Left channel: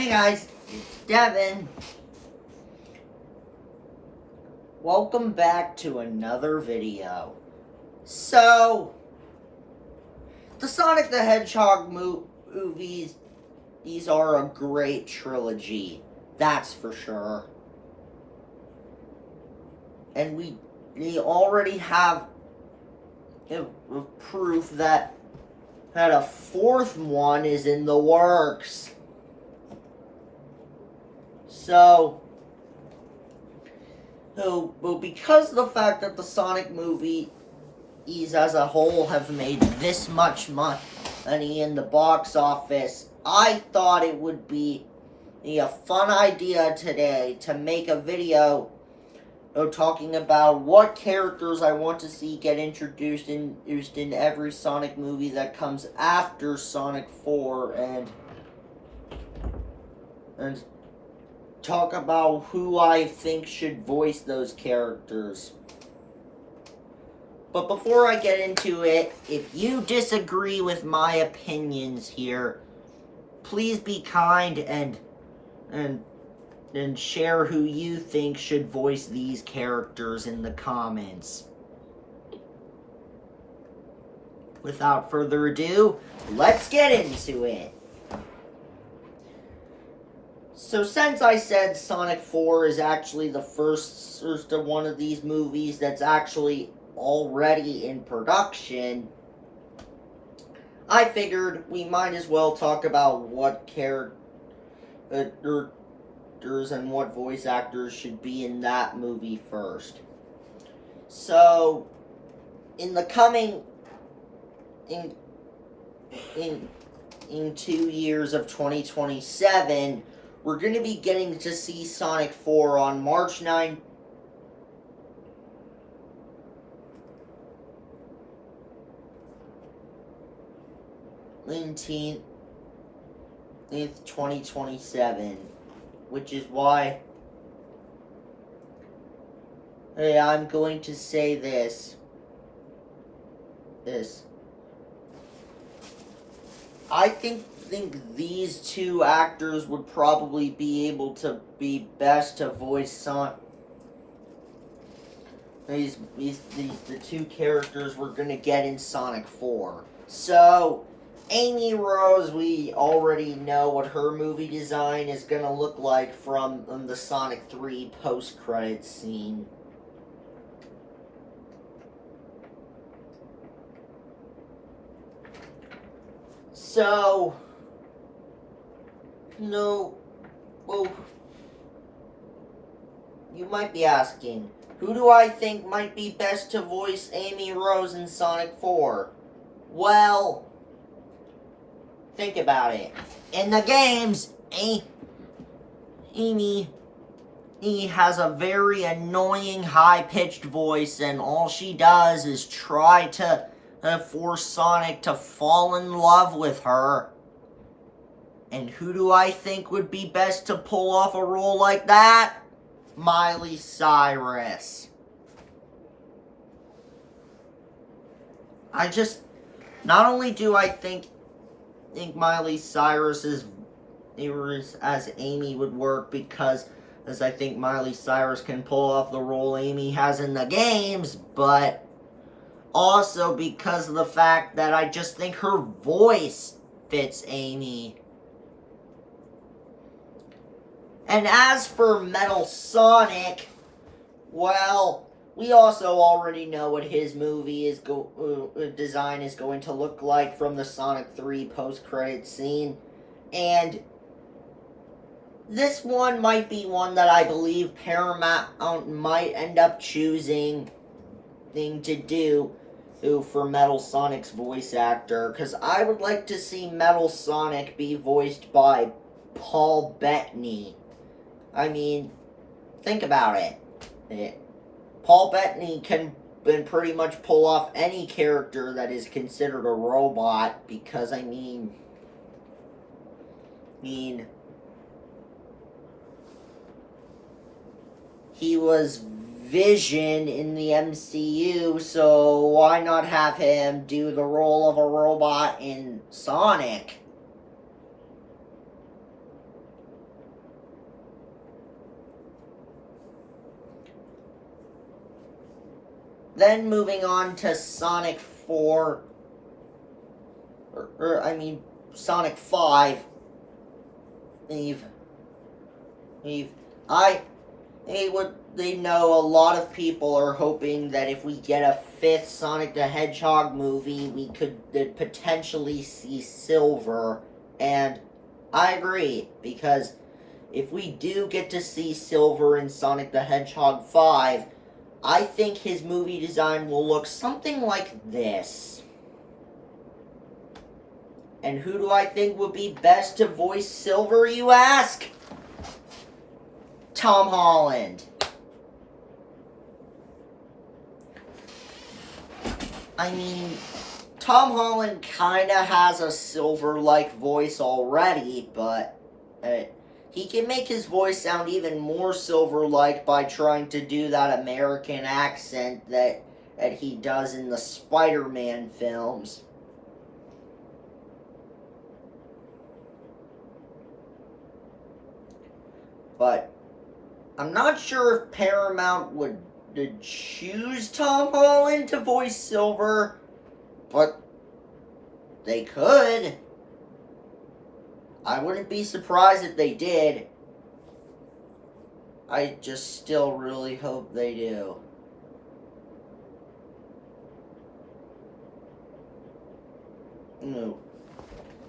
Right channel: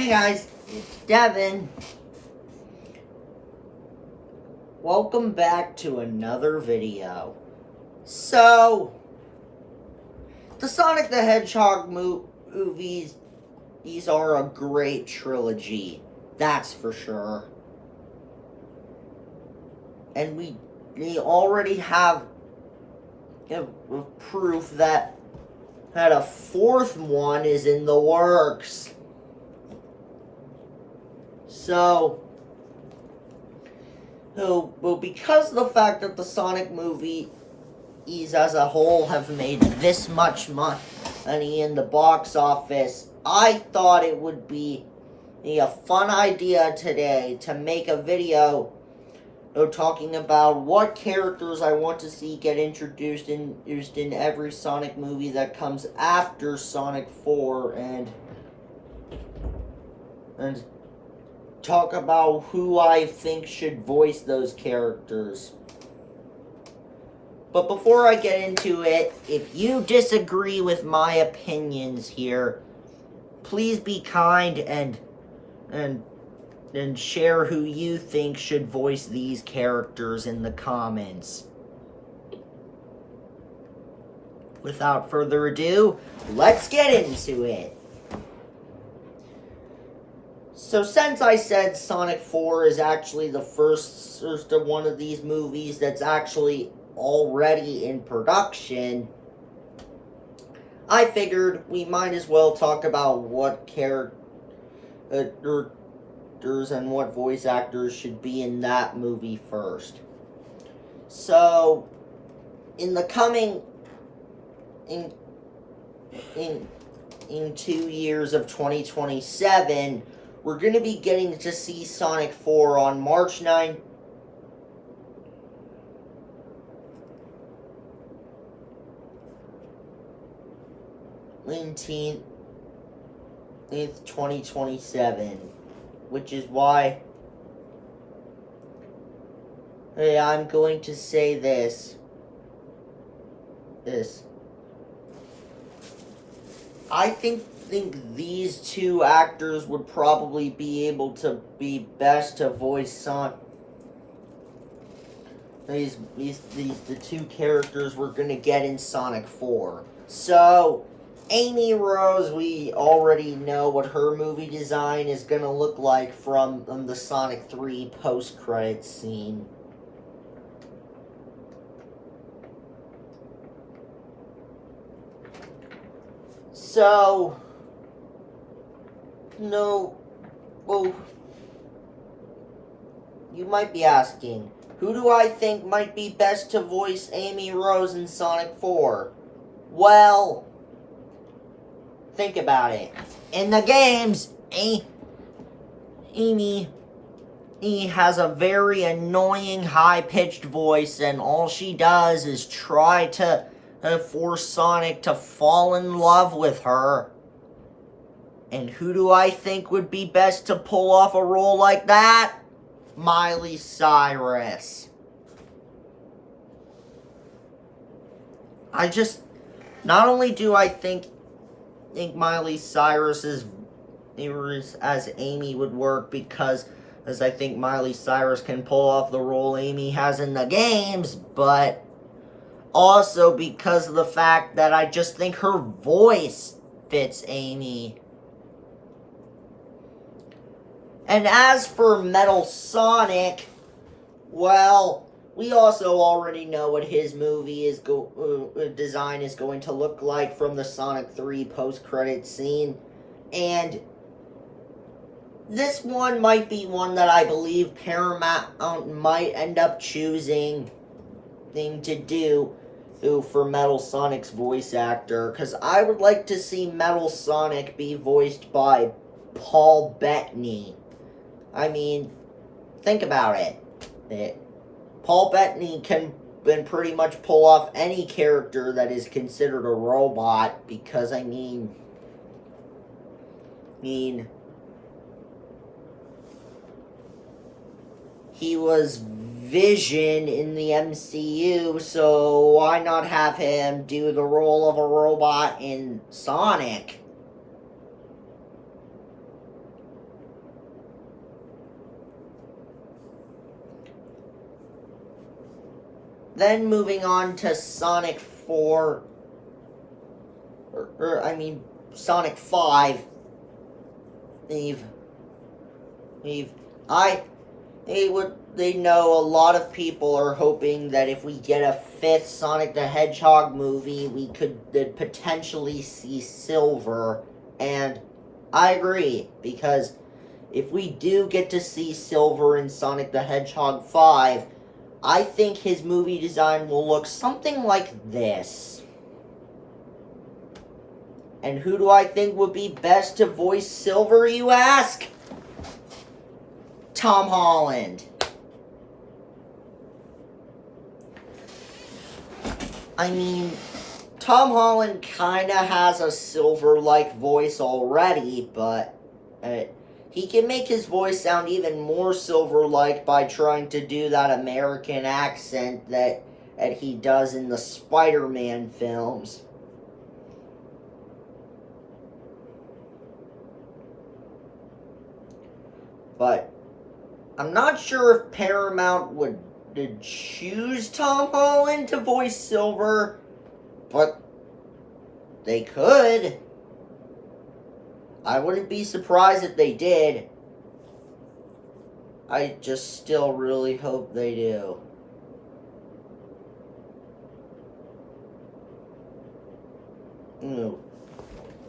Hey guys, it's Devin. Welcome back to another video. So, the Sonic the Hedgehog movies, these are a great trilogy. That's for sure. And we already have proof that a fourth one is in the works. So, because of the fact that the Sonic movies as a whole have made this much money in the box office, I thought it would be a fun idea today to make a video talking about what characters I want to see get introduced in every Sonic movie that comes after Sonic 4 and talk about who I think should voice those characters. But before I get into it, if you disagree with my opinions here, please be kind and share who you think should voice these characters in the comments. Without further ado, let's get into it. So since I said Sonic 4 is actually the first one of these movies that's actually already in production, I figured we might as well talk about what characters and what voice actors should be in that movie first. So, in the coming in 2 years of 2027, we're going to be getting to see Sonic 4 on March 9th. 2027, which is why I'm going to say this. I think these two actors would probably be able to be best to voice Sonic. The two characters we're gonna get in Sonic 4. So, Amy Rose, we already know what her movie design is gonna look like from the Sonic 3 post-credits scene. So, you might be asking, who do I think might be best to voice Amy Rose in Sonic 4? Well, think about it. In the games, Amy has a very annoying high-pitched voice, and all she does is try to force Sonic to fall in love with her. And who do I think would be best to pull off a role like that? Miley Cyrus. Not only do I think Miley Cyrus as Amy would work, because as I think Miley Cyrus can pull off the role Amy has in the games, but also because of the fact that I just think her voice fits Amy. And as for Metal Sonic, well, we also already know what his movie design is going to look like from the Sonic 3 post-credit scene. And this one might be one that I believe Paramount might end up choosing to do for Metal Sonic's voice actor, because I would like to see Metal Sonic be voiced by Paul Bettany. I mean, think about it. Paul Bettany can pretty much pull off any character that is considered a robot, because I mean he was Vision in the MCU, so why not have him do the role of a robot in Sonic? Then moving on to Sonic 4, Sonic 5. They know a lot of people are hoping that if we get a fifth Sonic the Hedgehog movie, we could potentially see Silver, and I agree, because if we do get to see Silver in Sonic the Hedgehog 5, I think his movie design will look something like this. And who do I think would be best to voice Silver, you ask? Tom Holland. I mean, Tom Holland kinda has a Silver-like voice already, but he can make his voice sound even more Silver-like by trying to do that American accent that he does in the Spider-Man films. But I'm not sure if Paramount would choose Tom Holland to voice Silver, but they could. I wouldn't be surprised if they did. I just still really hope they do.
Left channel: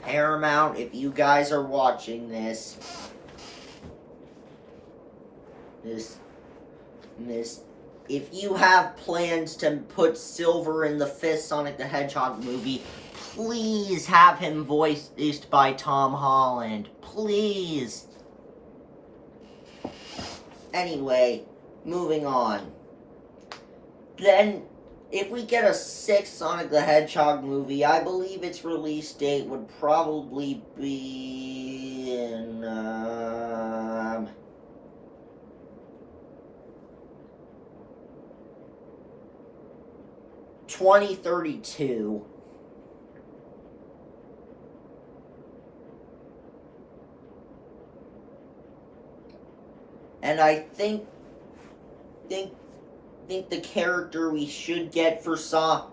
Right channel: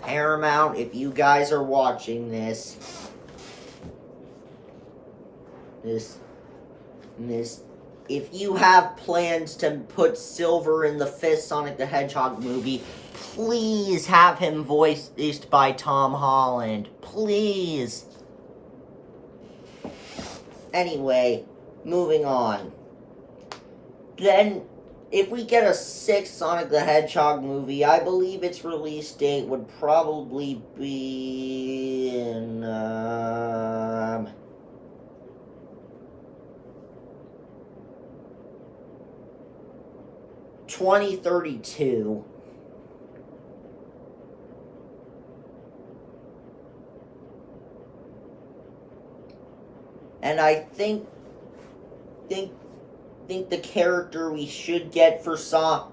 Paramount, if you guys are watching this, if you have plans to put Silver in the fifth Sonic the Hedgehog movie, please have him voiced by Tom Holland. Please. Anyway, moving on. Then, if we get a sixth Sonic the Hedgehog movie, I believe its release date would probably be in, 2032. And I think the character we should get for Sonic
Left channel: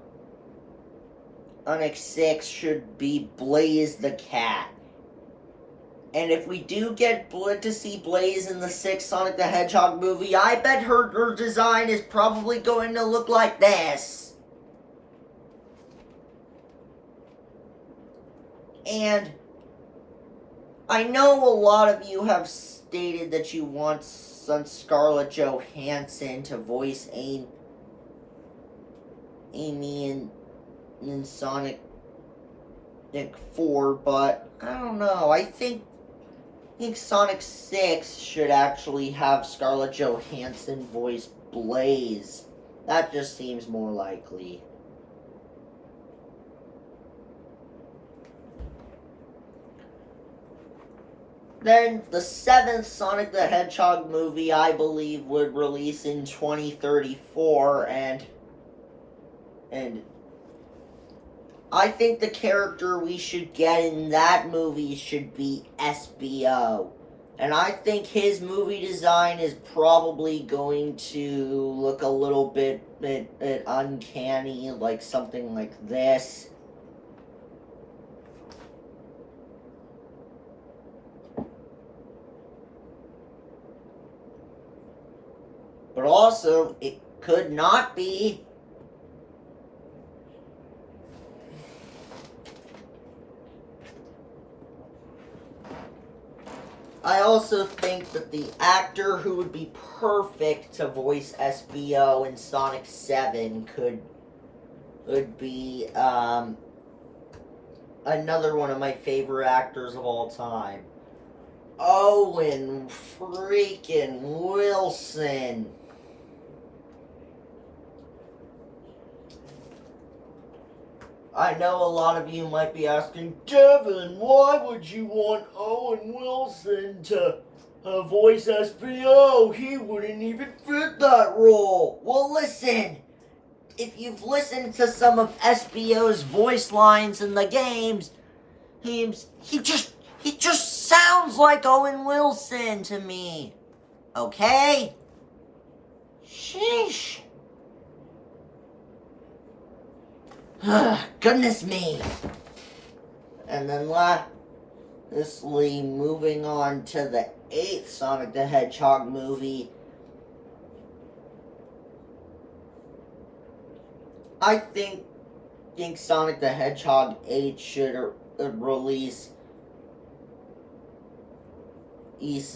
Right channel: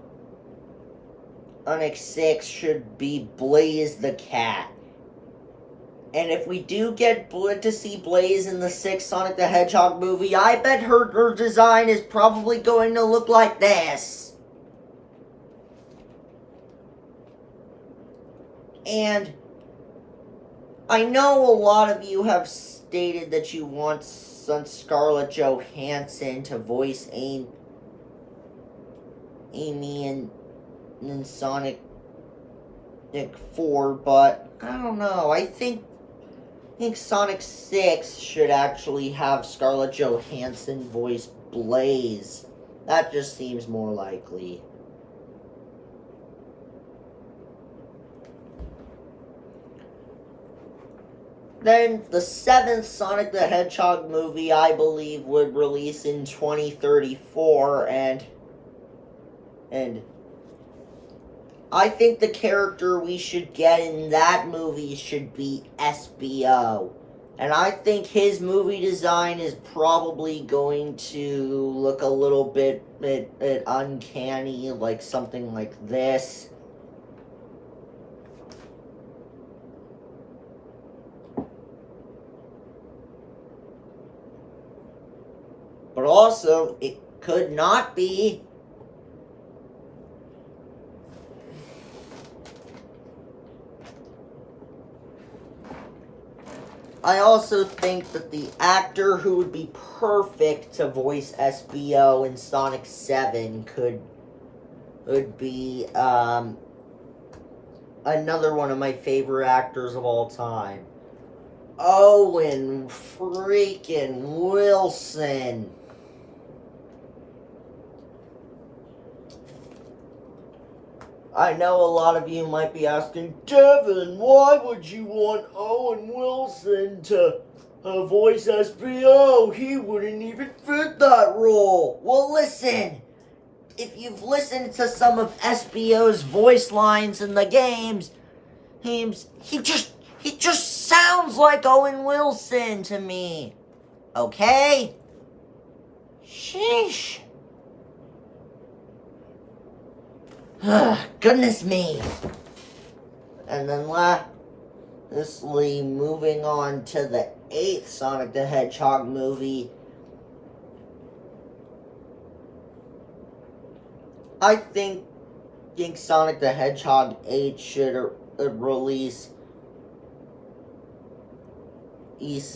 6 should be Blaze the Cat. And if we do get to see Blaze in the sixth Sonic the Hedgehog movie, I bet her design is probably going to look like this. And I know a lot of you have stated that you want Scarlett Johansson to voice Amy in Sonic 4, but I don't know. I think Sonic 6 should actually have Scarlett Johansson voice Blaze. That just seems more likely. Then, the seventh Sonic the Hedgehog movie, I believe, would release in 2034, and I think the character we should get in that movie should be SBO. And I think his movie design is probably going to look a little bit uncanny, like something like this. But also, it could not be. I also think that the actor who would be perfect to voice SBO in Sonic 7 would be another one of my favorite actors of all time. Owen freaking Wilson. I know a lot of you might be asking, Devin, why would you want Owen Wilson to voice SBO? He wouldn't even fit that role. Well, listen, if you've listened to some of SBO's voice lines in the games, he just sounds like Owen Wilson to me. Okay? Sheesh. Goodness me. And then lastly, moving on to the 8th Sonic the Hedgehog movie. I think Sonic the Hedgehog 8 should release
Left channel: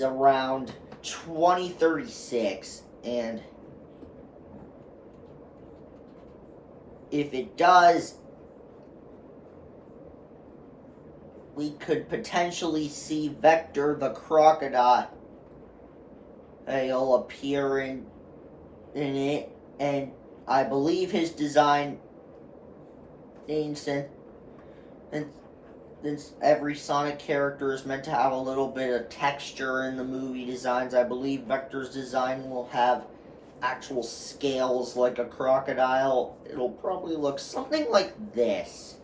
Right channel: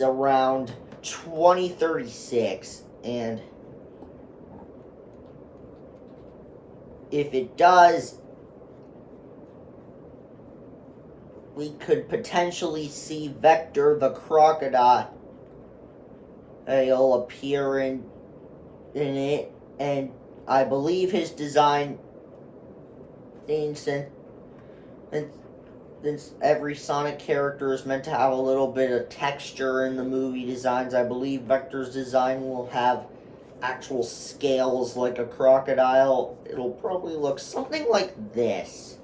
around 2036, and if it does, we could potentially see Vector the Crocodile appear in it, and I believe his design, since every Sonic character is meant to have a little bit of texture in the movie designs, I believe Vector's design will have actual scales like a crocodile. It'll probably look something like this.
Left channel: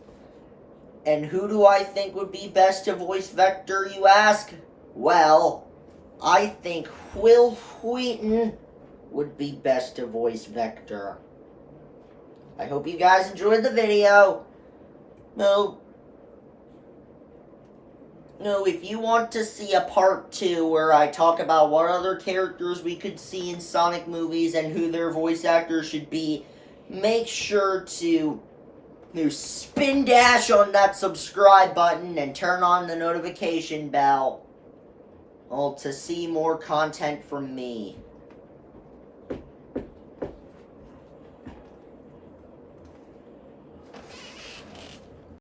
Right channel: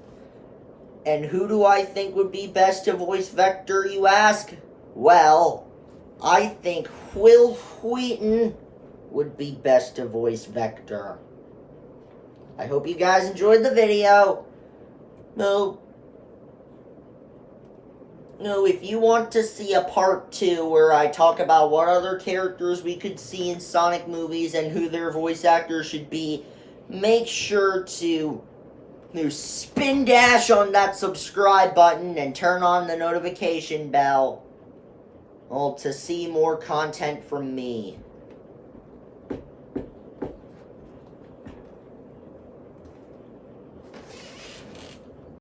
And who do I think would be best to voice Vector, you ask? Well, I think Will Wheaton would be best to voice Vector. I hope you guys enjoyed the video. No, if you want to see a part 2 where I talk about what other characters we could see in Sonic movies and who their voice actors should be, make sure to spin dash on that subscribe button and turn on the notification bell to see more content from me.